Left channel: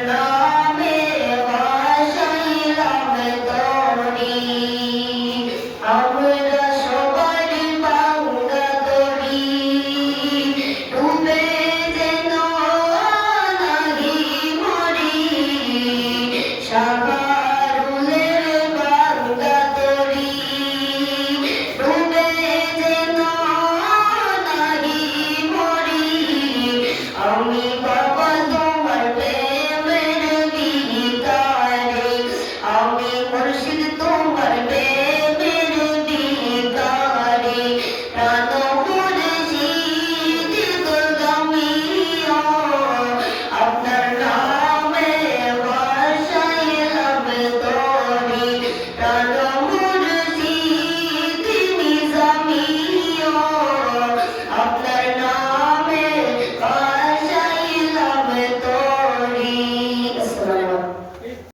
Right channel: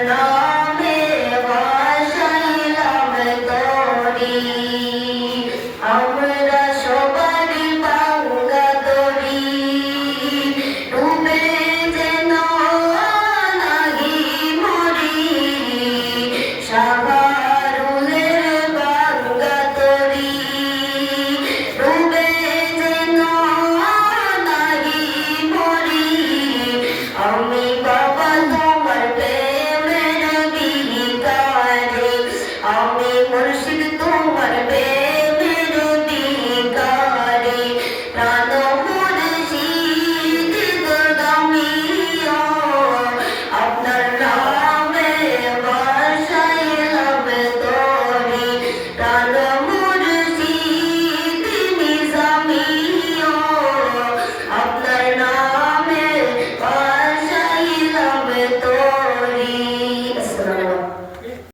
ो मे वाशैलवतोडी মুর্শিদ তোমার বেমেরুদি গারে রাত মুর্শিদ গুদামি আপনার নামে বাসাই হবে তোরি রাত মুর্শিদ নিজামি আপনার নামে বাসাই হবে